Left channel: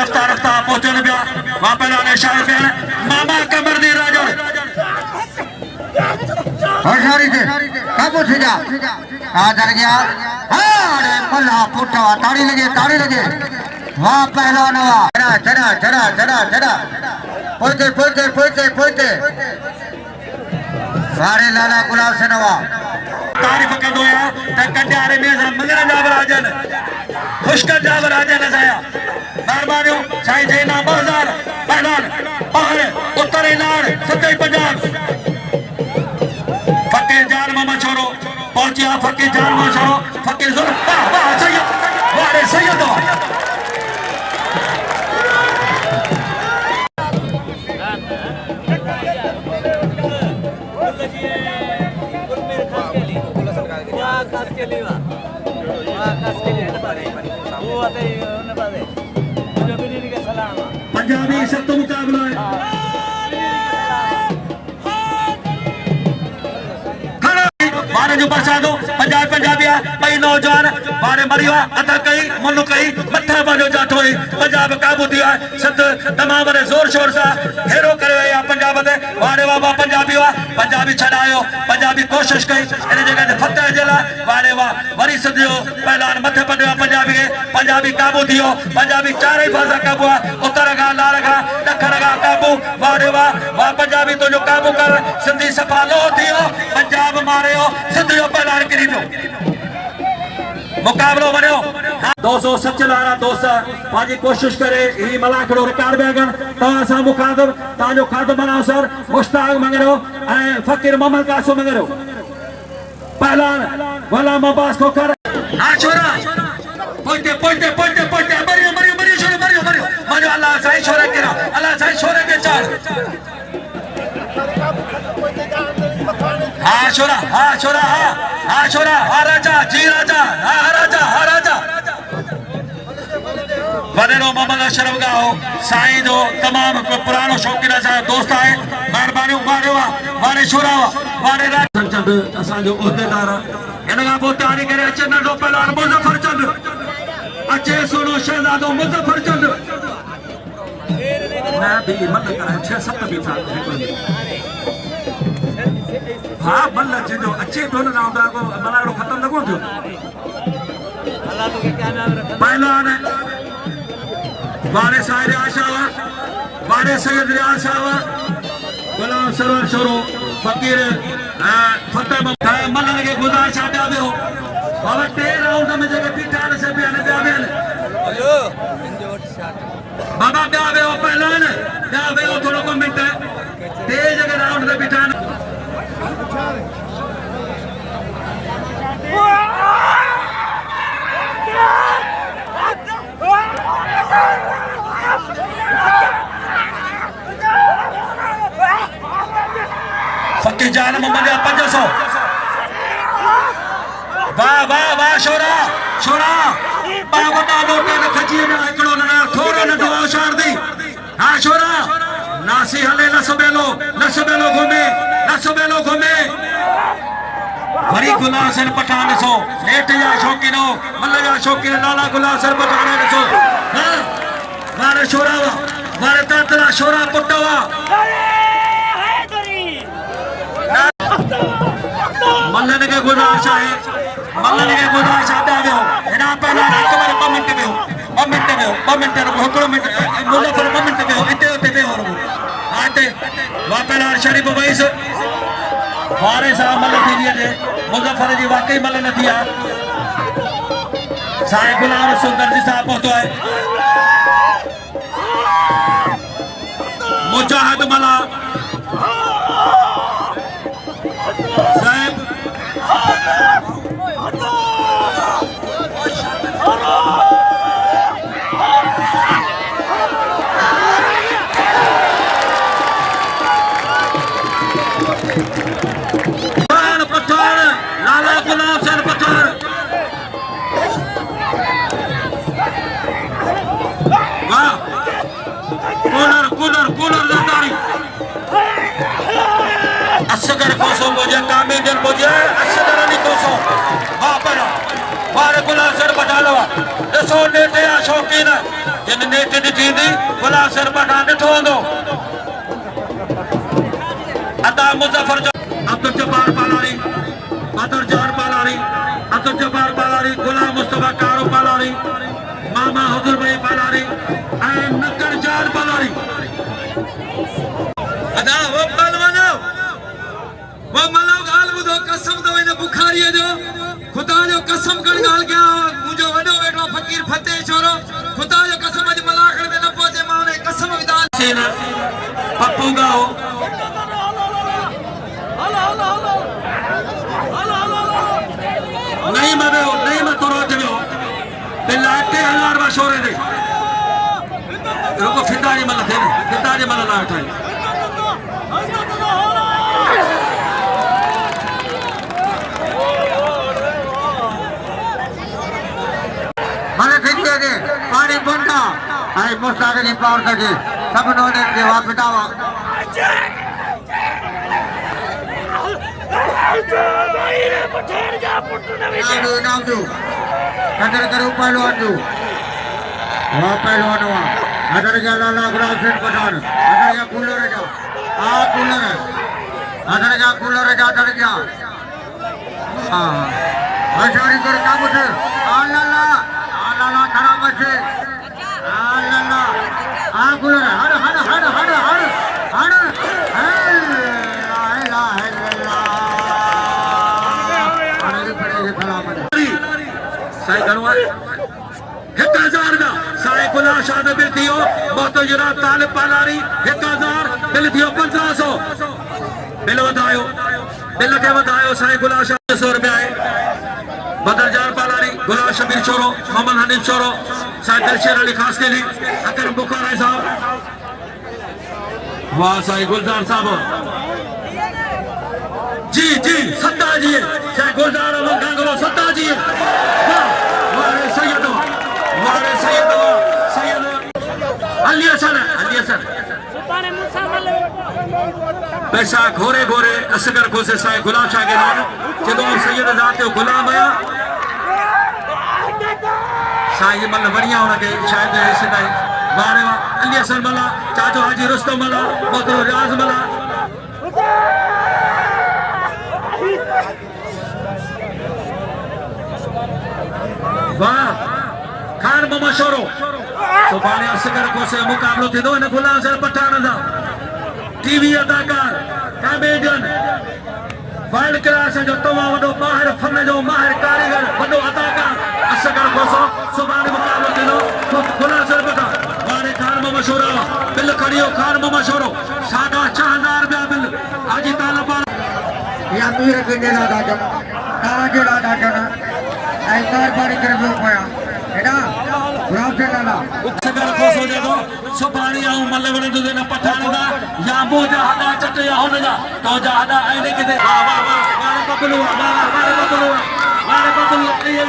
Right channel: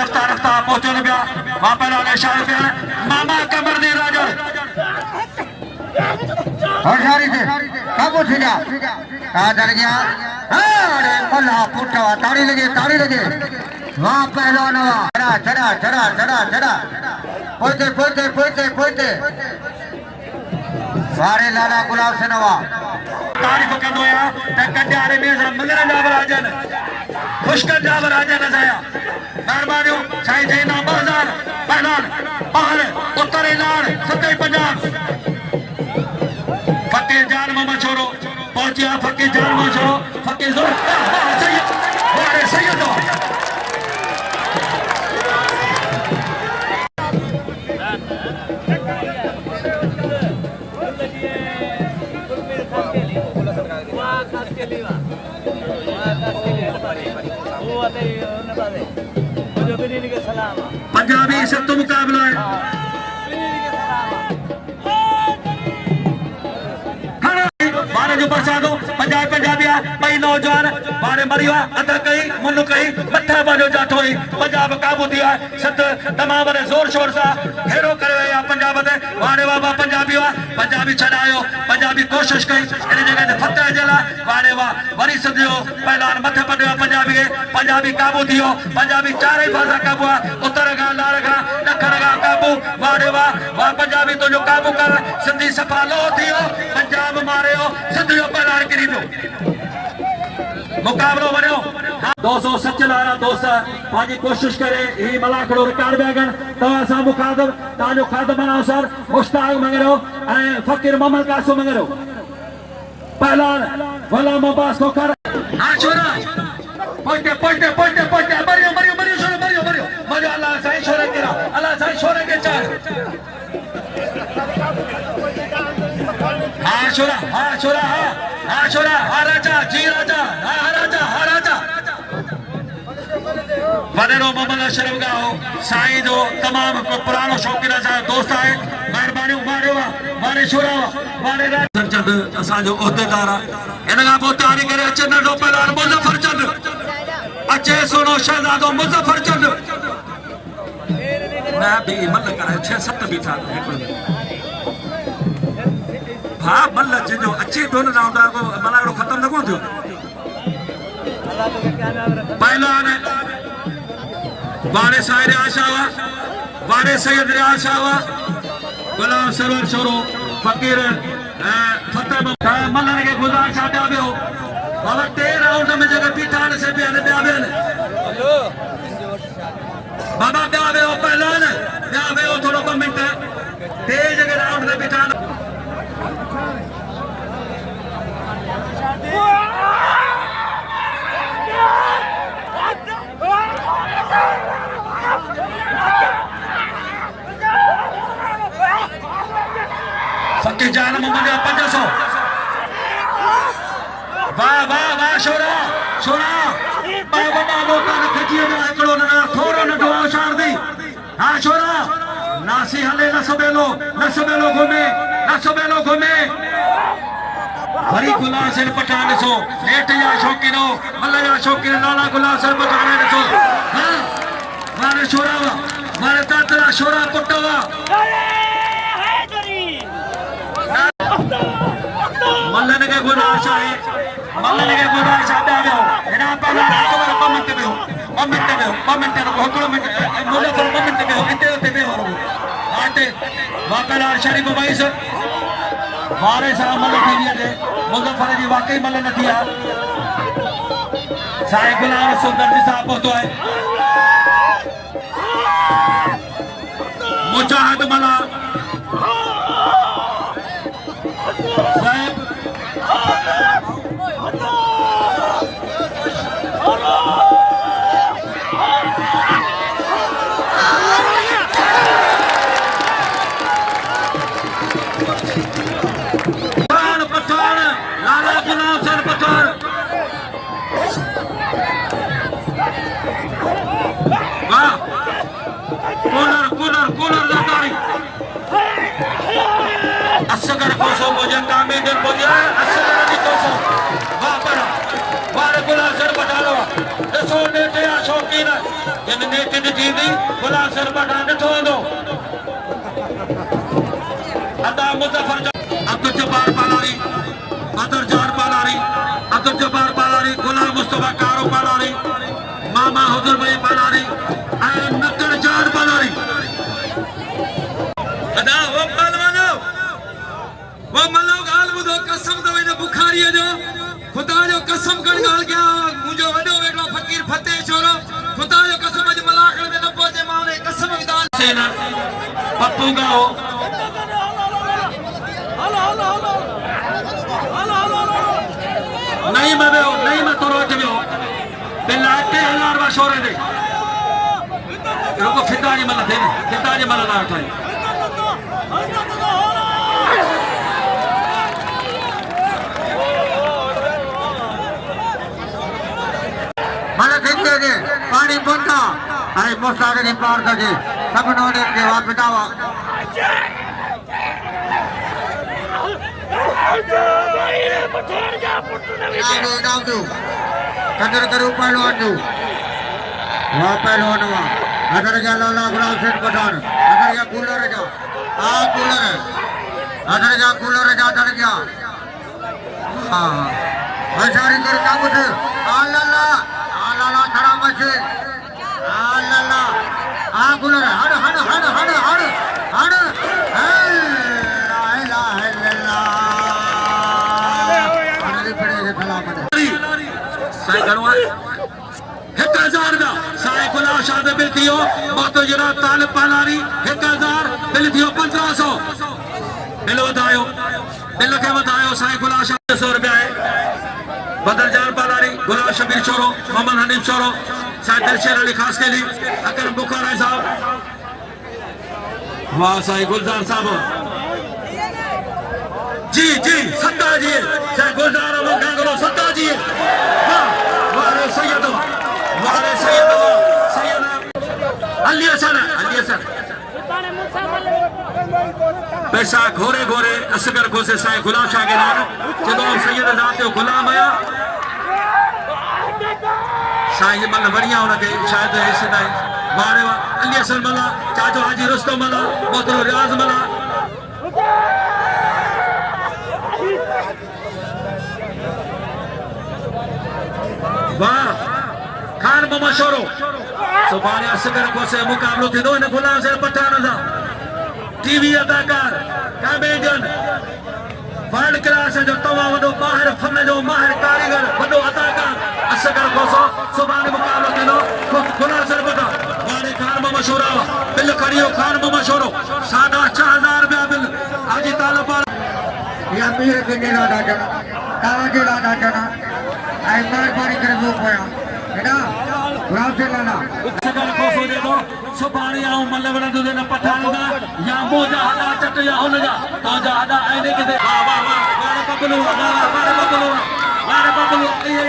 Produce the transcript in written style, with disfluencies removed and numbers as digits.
रफ्ता रफ्ता पहुंचने गया वहां पर आने शाही पे मामा कमर दी राजा हजारी से काबू सीधा आदर गया अरे पुल्ला पुट्टा ताड़ी लगे वहां पहलवान हुआ चढ़ा पहुंचे सारे लाला गुलाब से नवा तारीफ कंदो आहियां त कंडियारे में मंगल जावराजन पुष्कर जावराजन असाया महिरबानियूं साईं जयना 2000 पहलवान और उत्तर इलाड़ सतई पंजाब फकीर जान मामा छोरो पहुंचिया फकीर जान मामा छोरो फकीर जोर वाह सैयद वारे सैयद पंजाबी सब तो मुकाबला है मारे जो प्रसादो पंजाबी कई नौजवान मारे मरिया अदा कई मुनु कई मथे बनो जातो है पंजाब काबू दिया सत तमाम ने जोर शोर सा हेरो करे या पंजाब दे वारे बाबा पंजाबी छड़ायो पंजाबी कोशिश कई इन जगह ते फतेह जला वारे वाह वरी सदियो पहलवान मथे पड़ियो पंजाबी काबू दियो पंजाबी चारे भाषा काबू उत्तर गा लाड़ गा दखण गा काबू वारे वाह पंजाबी तो जो काबू कर सिंधी सफा लो दियो पंजाब मारियो सिंधियो पहलवान करी दो मुकाबलो बनो 200 सच लारा दोस्त पाजी कोशिश करे ही मलाखड़ो रिकॉर्ड बेगन तो असा मुखादब ताजो खाद बनाओ सर मुश्ताक मंगरो ए फकीर मोहम्मद कासो मंगरो पहलवान गुलाम अब्बास को कर हां छोरा पहुंचते मरियो अल्लाह साईं छोरे के चार हाँ छोरा राजा जी राजा वडेरो मोहम्मद अशरफ गाहो साईं जो तमाम पुरानो शौकीन सा दोस्त है मेहरबानी मारे छोरा वारे रात चंद असा जो उहदेदार इन का पोइ तयारी करे अचे नंढो पहलवान मुज़फ़र चंद अचे सोनो शहजादो मुज़फ़र चंद मैं भी मतलब 6-7 भी था हाँ मतलब जो अच्छे तो ना होता को मलाड़ो खत्म न को जो पहलवान वारे साहिर आशावा वारे सैयद आशावा गुलाम सरवर छोरो फकीर फतेह मल्लन के गुजार छाटा बियो बाबा 13 राउंड में जगह पिटान से भी बाबा क्या बियो पहलवान क्या बियो थोड़ा कमेंट दे जगह राउंड में पिटान फकीर जान मोहम्मद 500 वाह छोरा बाबा लोटे ने खची में एकड़ो ना थोड़े न दुआ उछार दी हां छोरा नासी हले न सबेलो घूमे वरी गुलाम सर पठान सो नेट या शौकीनो मल्ला शौकीन नाला गुलाम सर पठान सो मारे छोरा मारे तातला छोरा पटवा मल्लन के गुलाम है दे एना पर कमेंट में बोले कमेंट में इते आते वाकला शरीफ भाई से वारे साहब मल्ल थी दे मुज़फ़र जी वाकई मल्ल न थिया साईं गुलाम सुंदर जी साहब पहुंचो है मुजाहिद मला साहब पठान लाला गुलाम सर पठान वाह कूलर जटारी असगर कोसम वजन कामेदन बोदिया असगर नि कोसम वाह पर वाह गुलाब सर बता लो दसो नेटे या शौकीन जिन नेटे दी थींदी गुलाब सर बता ॾिठो हूंदो अदा मुजफ्फर अब्दुल जब्बार पालारी अब्दुल जब्बार पालारी गुलाम मुस्तफा कारो पालारी मामा हुजूर भाई पालारी नक्कर जार पालारी अदा वो पहलवानो वो मलो गाल बुधो कसम दो इन बुखारी जो खुदा जो कसम कर गाल गया मुझे वडो वेगला फकीर फतेह छोरो खुदा जो कसम अज मलाखड़ में न पहुंचे मां ने कसम विधान सेना पप्पू गाओ नहीं मैं तो रोज भी हो बिल्ला 1000 वा शोरे दे रुको फिदा जी मल ना उठाई મને ભીંડો છે પાણી બોલતા અને મોસારી પાર કરે સબનો ને કેવા બતાવો નાવજો કદર કરો પાલવાજો વા પાલવાનો અદર ગયા લાગરા છે પઠાણ અદર ગયા કુલર જાઓ આ કુલર અદર ગયા કુલર જા અદર ગયા હા મજારી કર કામ છે આલાલા ખરાબ છે આલાલા આ કુલર હડ साई घणो आहे 1000 दा साई गुलाब शाह बिल थियो बहुत जरा तालिब पालारी 1000 बिल थियो 1500 बिल के वधायो साई गुलाब शाह 100 रुपया है बदल जार पालारी गुलाब शबीर छोरो मोहम्मद हनीफ छोरो साई दिलशेर अली खास के लिए अकर बुखारी साहब वाह साई गुलजार साहब जी सत्ता जी साई गुलजार और कांगरो सत्ता जी पैसा घोरे असगर घोसे साईं गुलाब शाह के नाम जदों सैयद ज़ात गुलाम आया साईं मन बढ़िया उनके शायद सदा वारे अली हसन मला चाचो हाजी रुस्तम मला मोहतरम रियाज मला वाह खान मोहम्मद शोरो सुभाणे असगर घोसे मुकाबलो थींदो हिन गुलाम शाह पठान सां टीवी अदाकार कॉमेडियन वर्ल्ड क्लास जो तवा वडो माहिर फन जो माहिर कारीगर वडो अदाकार असगर घोसो सुभाणे मुकाबलो थींदो गुलाम शाह पठान वारे खान मोहम्मद शोरो बिल खड़ियो खान मोहम्मद शोरो 6000 रुपया बिल हाजी तालब या मीर के लादा जना कावाजे लादा जना आई मेहरबानी करे वो पया हेडा गुलाब से लाला असगर घोसो देखो सुभाणे आऊं मलवण दो न पठान दा या मोजा हदा चट या हुन जा तो जा आने के दे वाह वारे बबलू ये